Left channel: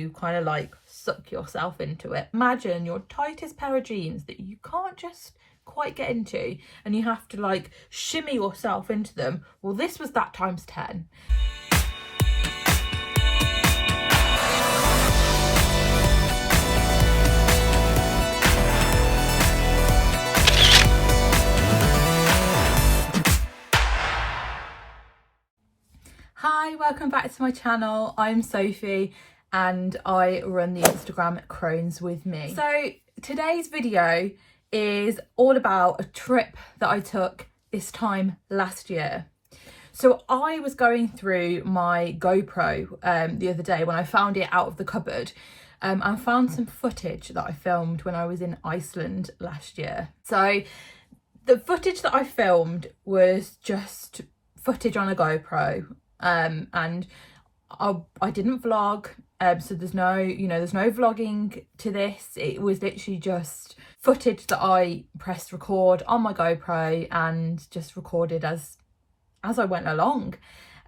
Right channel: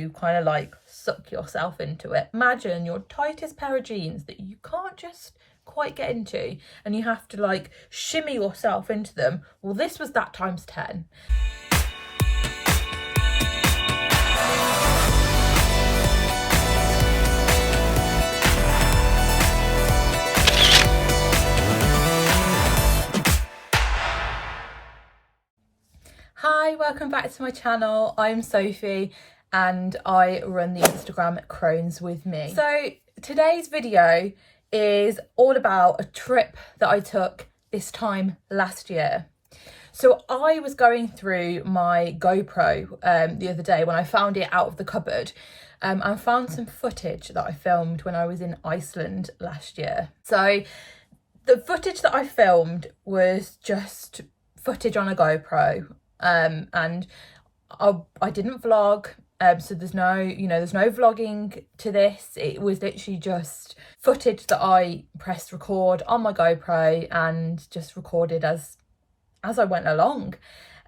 you kind of like suck yourself into it. Imagine your tightest pair of jeans that you can't just quite get into and you have to like shimmy yourself into them. Well, this was that times 10. Hi, welcome back to my channel. I'm Sophie and I run the Instagram CROHNSWITHME. So today's video is all about a trip that I took this time last year. So I was going through my GoPro the other day when I found it out of the cupboard and found some footage that I filmed when I was in Iceland last year. So the footage that I filmed was just footage on a GoPro. And I didn't vlog, so there's no vlogging to this. It was literally just footage that I pressed record on my GoPro and just recorded as I went along.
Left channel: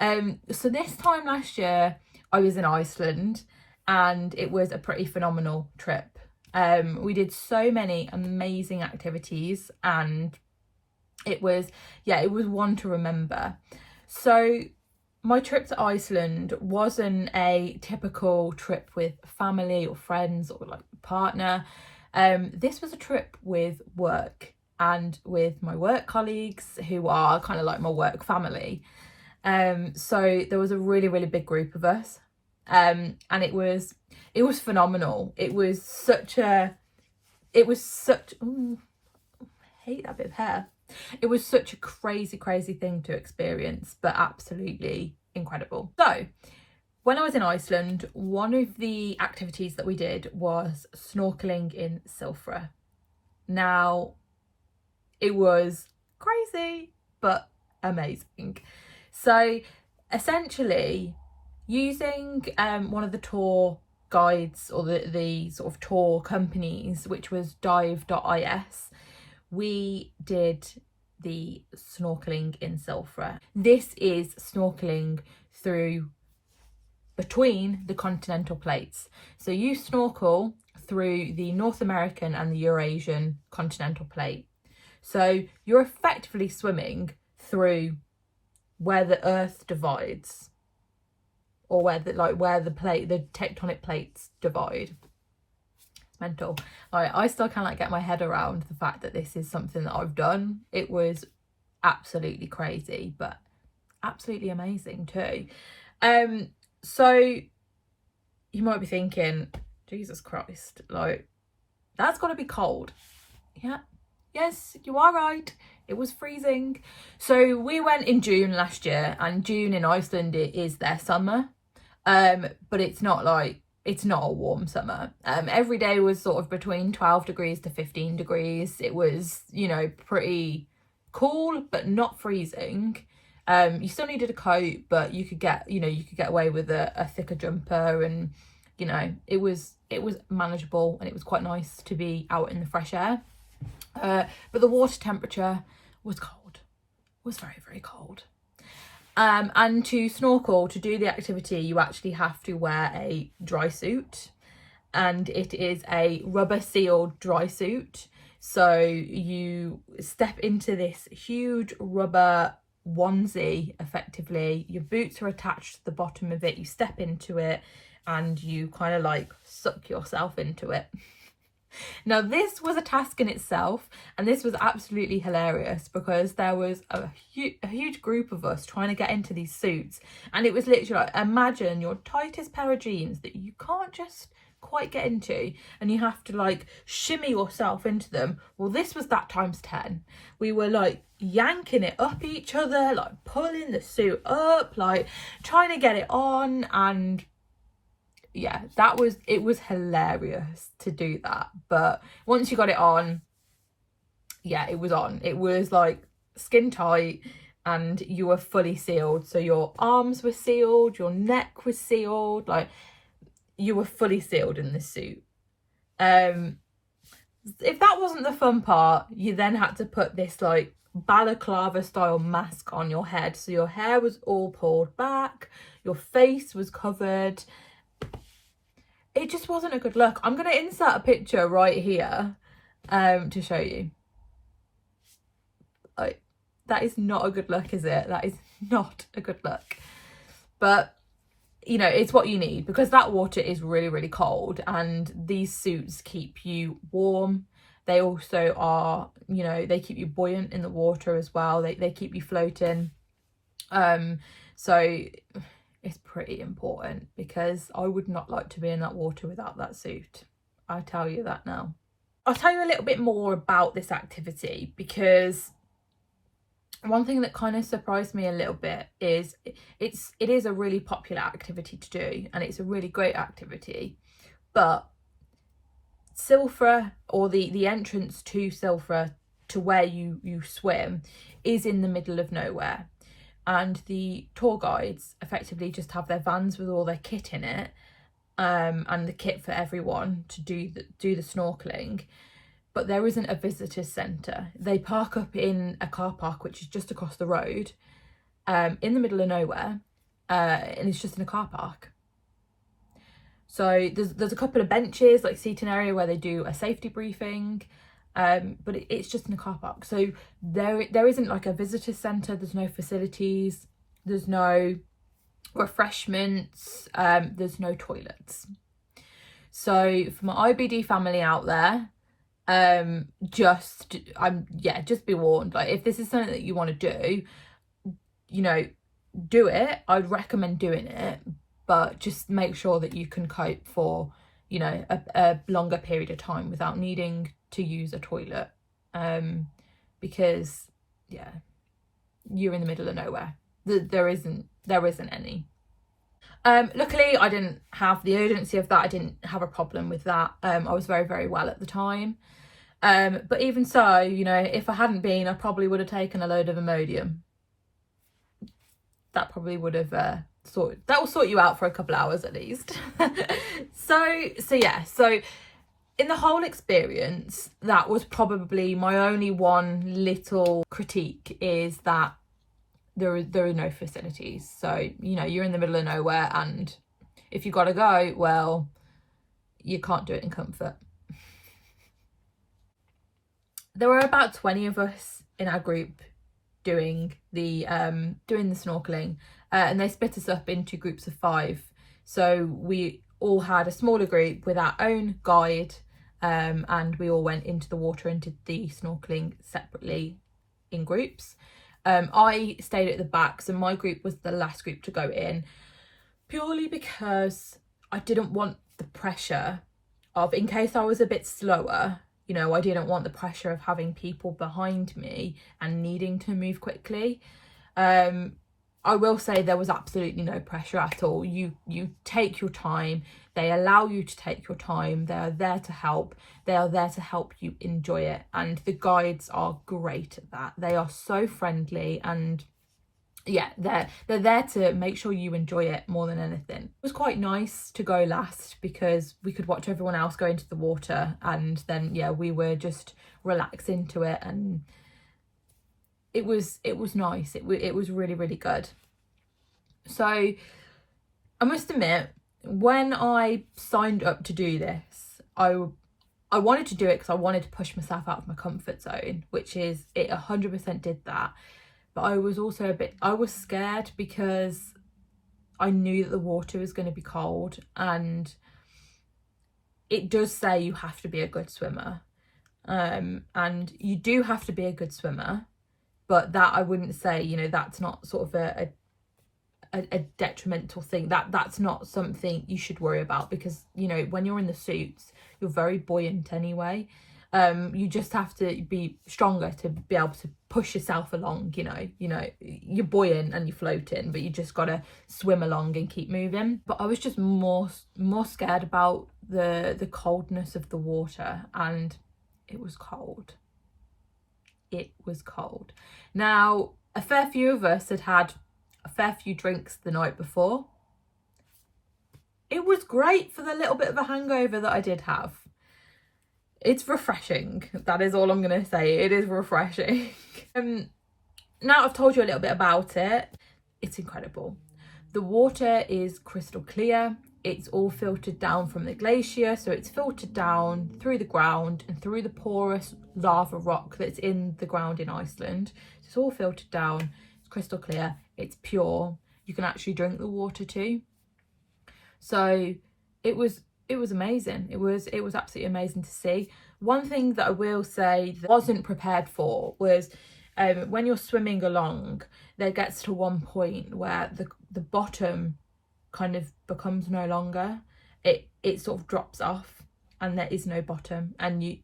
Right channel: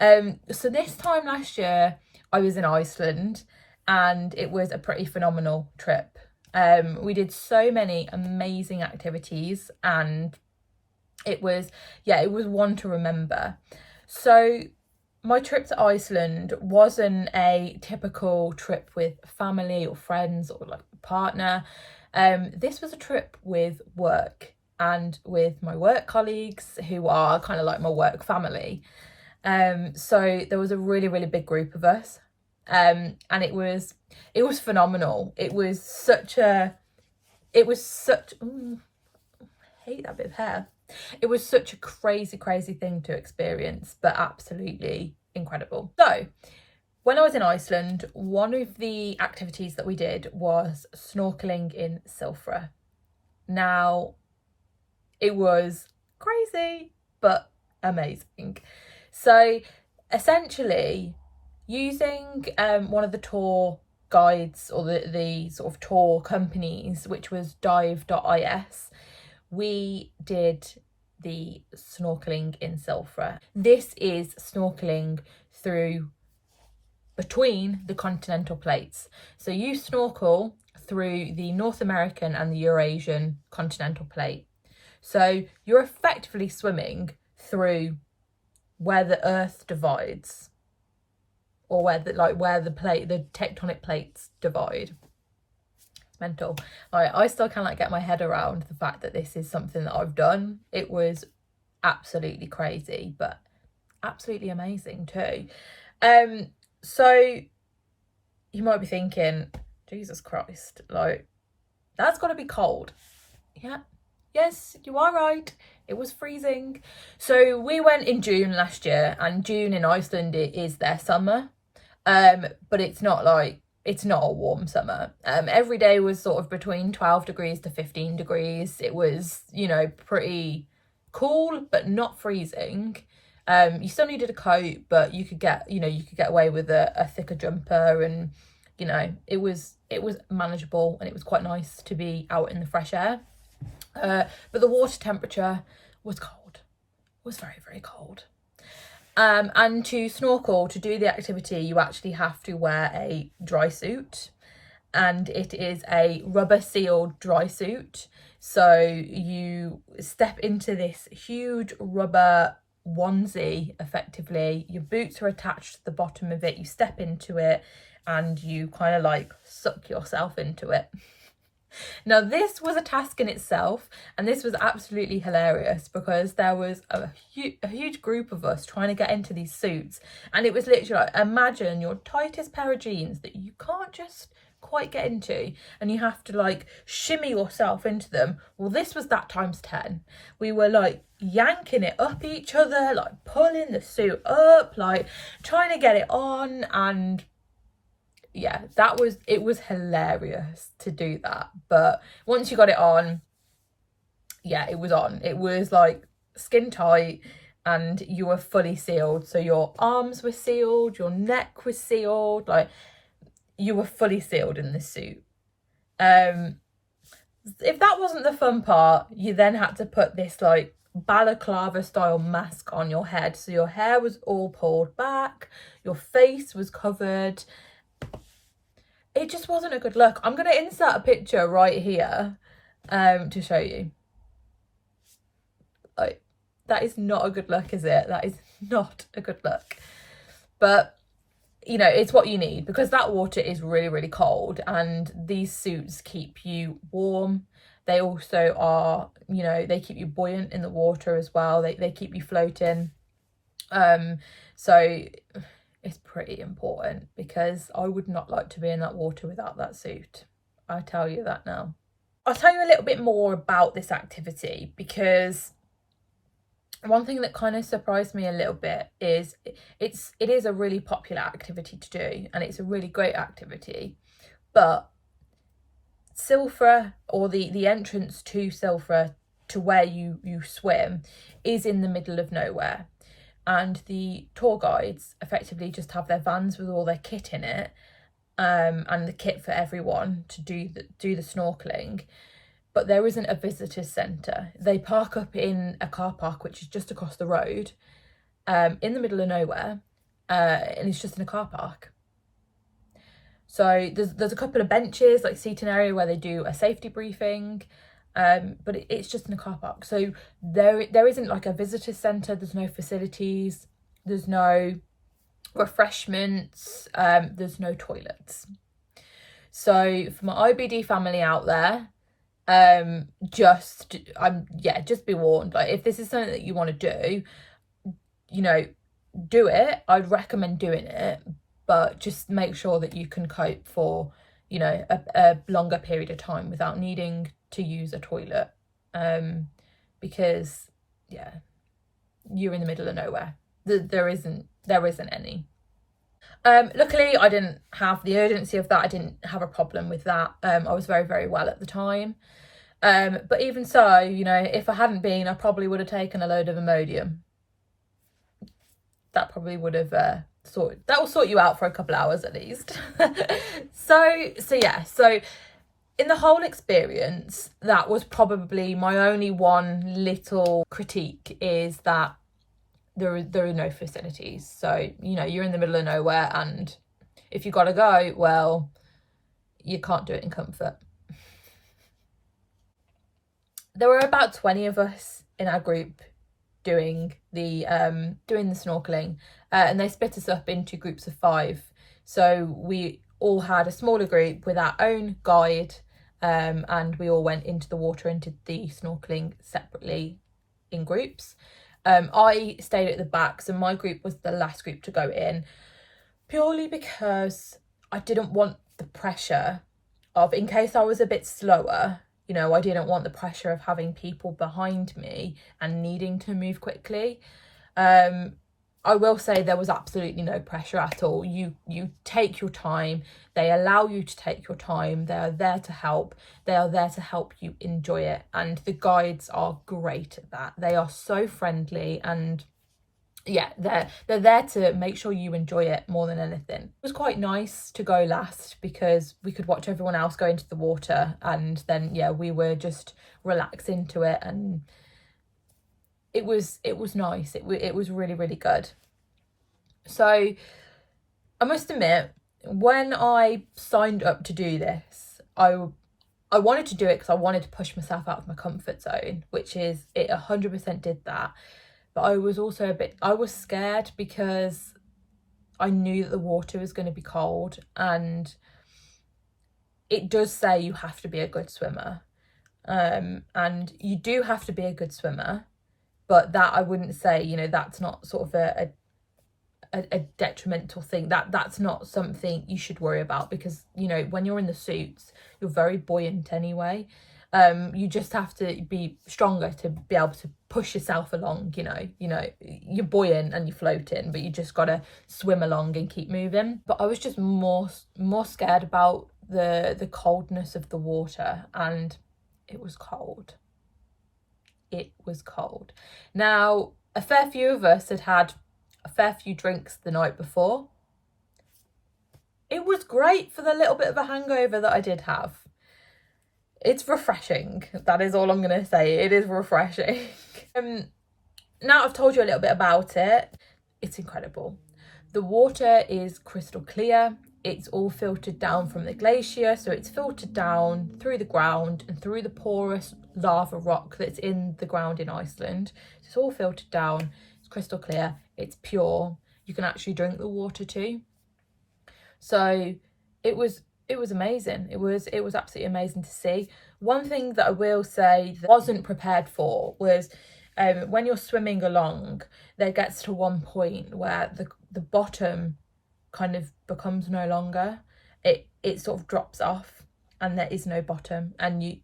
So this time last year I was in Iceland and it was a pretty phenomenal trip. We did so many amazing activities and it was one to remember. So my trip to Iceland wasn't a typical trip with family or friends or like a partner. This was a trip with work and with my work colleagues who are kind of like my work family. So there was a really big group of us, and it was phenomenal. I hate that bit of hair. It was such a crazy thing to experience, but absolutely incredible. So when I was in Iceland, one of the activities that we did was snorkelling in SILFRA. Now, it was crazy, but amazing. So essentially, using one of the tour guides or the sort of tour companies, which was Dive.Is, we did the snorkelling in SILFRA. This is snorkelling between the continental plates. So you snorkel through the North American and the Eurasian continental plate. So you're effectively swimming through where the earth divides, or where the tectonic plates divide. Mental. I still can't get my head around the fact that this is something that I've done. It was absolutely crazy, but absolutely amazing too. So you might be thinking, Jesus Christ, like that's got to be cold. Yeah, yes, you are right. It was freezing. So we went in June last year, and June in Iceland is their summer, but it's not a warm summer. Every day was sort of between 12 degrees to 15 degrees. It was, pretty cool, but not freezing. You still needed a coat, but you could get away with a thicker jumper, and, it was manageable, and it was quite nice to be out in the fresh air. But the water temperature was cold, was very cold. And to snorkel, to do the activity, you actually have to wear a dry suit, and it is a rubber sealed dry suit. So you step into this huge rubber onesie, effectively. Your boots are attached to the bottom of it. You step into it and you kind of like suck yourself into it. Now, this was a task in itself, and this was absolutely hilarious because there was a huge group of us trying to get into these suits, and it was literally like, imagine your tightest pair of jeans that you can't just quite get into and you have to like shimmy yourself into them. Well, this was that times 10. We were like yanking it up each other, like pulling the suit up, like trying to get it on, and yeah, it was hilarious to do that. But once you got it on, yeah, it was on. It was like skin tight and you were fully sealed. So your arms were sealed, your neck was sealed, like you were fully sealed in this suit. If that wasn't the fun part, you then had to put this like balaclava style mask on your head. So your hair was all pulled back, your face was covered. it just wasn't a good look. I'm going to insert a picture right here to show you. Like, that is not a good look, is it? That is not a good look. But, you know, it's what you need, because that water is really, really cold, and these suits keep you warm. They also are, you know, they keep you buoyant in the water as well. They keep you floating. So it's pretty important, because I would not like to be in that water without that suit. I tell you that now. I'll tell you a little bit more about this activity, because one thing that kind of surprised me a little bit is it is a really popular activity to do, and it's a really great activity, but SILFRA, or the entrance to SILFRA, to where you swim, is in the middle of nowhere, and the tour guides effectively just have their vans with all their kit in it, and the kit for everyone to do the snorkeling. But there isn't a visitors centre. They park up in a car park, which is just across the road, in the middle of nowhere, and it's just in a car park. So there's a couple of benches, like seating area, where they do a safety briefing, but it's just in a car park. So there isn't like a visitor centre. There's no facilities. There's no refreshments. There's no toilets. So for my IBD family out there, just be warned. Like, if this is something that you want to do, you know, do it. I'd recommend doing it, but just make sure that you can cope for, you know, a longer period of time without needing to use a toilet, because you're in the middle of nowhere. There isn't any. Luckily I didn't have the urgency of that. I didn't have a problem with that. I was very, very well at the time. But even so, you know, if I hadn't been, I probably would have taken a load of Imodium. That probably would have that will sort you out for a couple hours at least. So in the whole experience, that was probably my only one little critique, is that there are no facilities. So, you know, you're in the middle of nowhere, and if you gotta go, well, you can't do it in comfort. There were about 20 of us in our group doing the snorkeling, and they split us up into groups of 5. So we all had a smaller group with our own guide, and we all went into the water and did the snorkeling separately in groups. I stayed at the back, so my group was the last group to go in, purely because I didn't want the pressure of, in case I was a bit slower, you know, I didn't want the pressure of having people behind me and needing to move quickly. I will say there was absolutely no pressure at all. You take your time. They allow you to take your time. They are there to help. They are there to help you enjoy it. And the guides are great at that. They are so friendly, and yeah, they're there to make sure you enjoy it more than anything. It was quite nice to go last, because we could watch everyone else go into the water, and then we were just relax into it, and it was nice. It was really, really good. So I must admit, when I signed up to do this, I wanted to do it because I wanted to push myself out of my comfort zone, which is, it 100% did that. But I was also I was scared, because I knew that the water was going to be cold, and it does say you have to be a good swimmer, and you do have to be a good swimmer, but that, I wouldn't say, you know, that's not sort of a detrimental thing. That's not something you should worry about, because, you know, when you're in the suits, you're very buoyant anyway. You just have to be stronger to be able to push yourself along. You know, you're buoyant and you're floating, but you just gotta swim along and keep moving. But I was just more scared about the coldness of the water, and it was cold. It was cold. Now, a fair few of us had a fair few drinks the night before. It was great for the little bit of a hangover that I did have. It's refreshing. That is all I'm going to say. It is refreshing. Now I've told you a little bit about it, it's incredible. The water is crystal clear. it's all filtered down from the glacier, so it's filtered down through the ground and through the porous lava rock that's in the ground in Iceland. So it's all filtered down, it's crystal clear, it's pure. You can actually drink the water too. So it was amazing. It was absolutely amazing to see. One thing that I will say that I wasn't prepared for was when you're swimming along, there gets to one point where the bottom kind of becomes no longer. It sort of drops off and there is no bottom, and you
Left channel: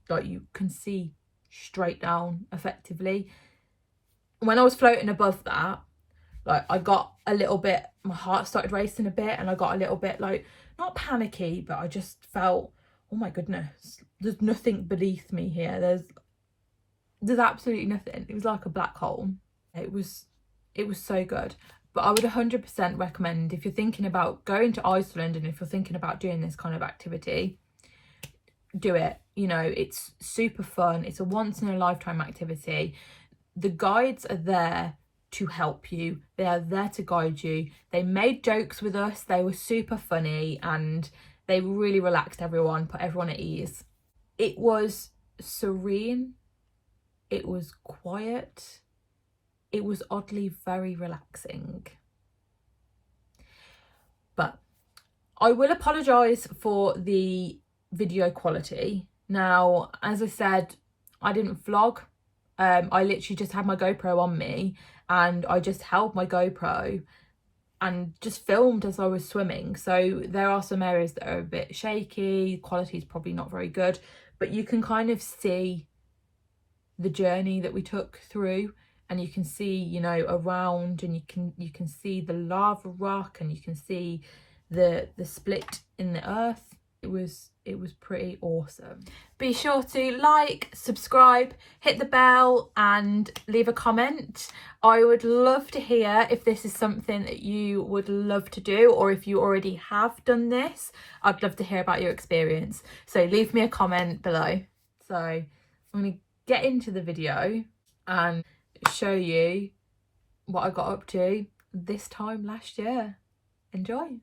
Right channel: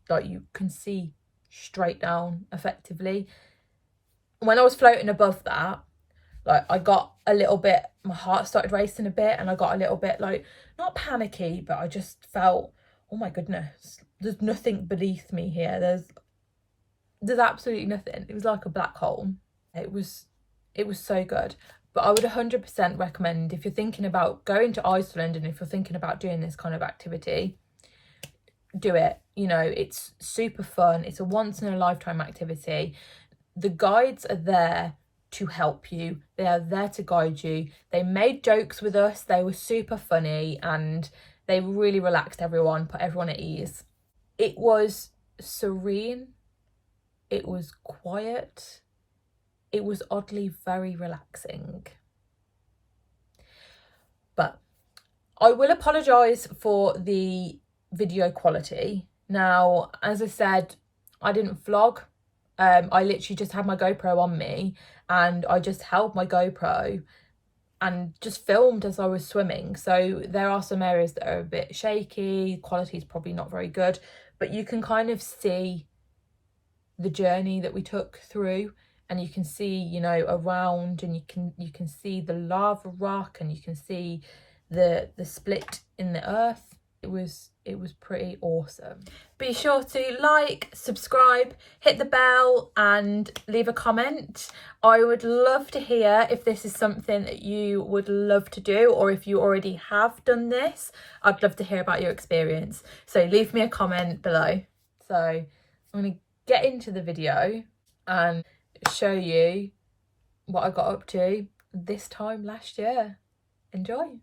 can see straight down effectively. When I was floating above that, like, I got a little bit, my heart started racing a bit, and I got a little bit, like, not panicky, but I just felt, oh my goodness, there's nothing beneath me here. There's absolutely nothing. It was like a black hole. It was so good. But I would 100% recommend, if you're thinking about going to Iceland and if you're thinking about doing this kind of activity, do it. You know, it's super fun. It's a once in a lifetime activity. The guides are there to help you. They are there to guide you. They made jokes with us. They were super funny, and they really relaxed everyone, put everyone at ease. It was serene. It was quiet. It was oddly very relaxing. But I will apologise for the video quality. Now, as I said, I didn't vlog. I literally just had my GoPro on me, and I just held my GoPro and just filmed as I was swimming. So there are some areas that are a bit shaky, quality is probably not very good, but you can kind of see the journey that we took through, and you can see, you know, around, and you can see the lava rock, and you can see the split in the earth. It was pretty awesome. Be sure to like, subscribe, hit the bell, and leave a comment. I would love to hear if this is something that you would love to do, or if you already have done this. I'd love to hear about your experience. So leave me a comment below. So I'm going to get into the video and show you what I got up to this time last year. Enjoy.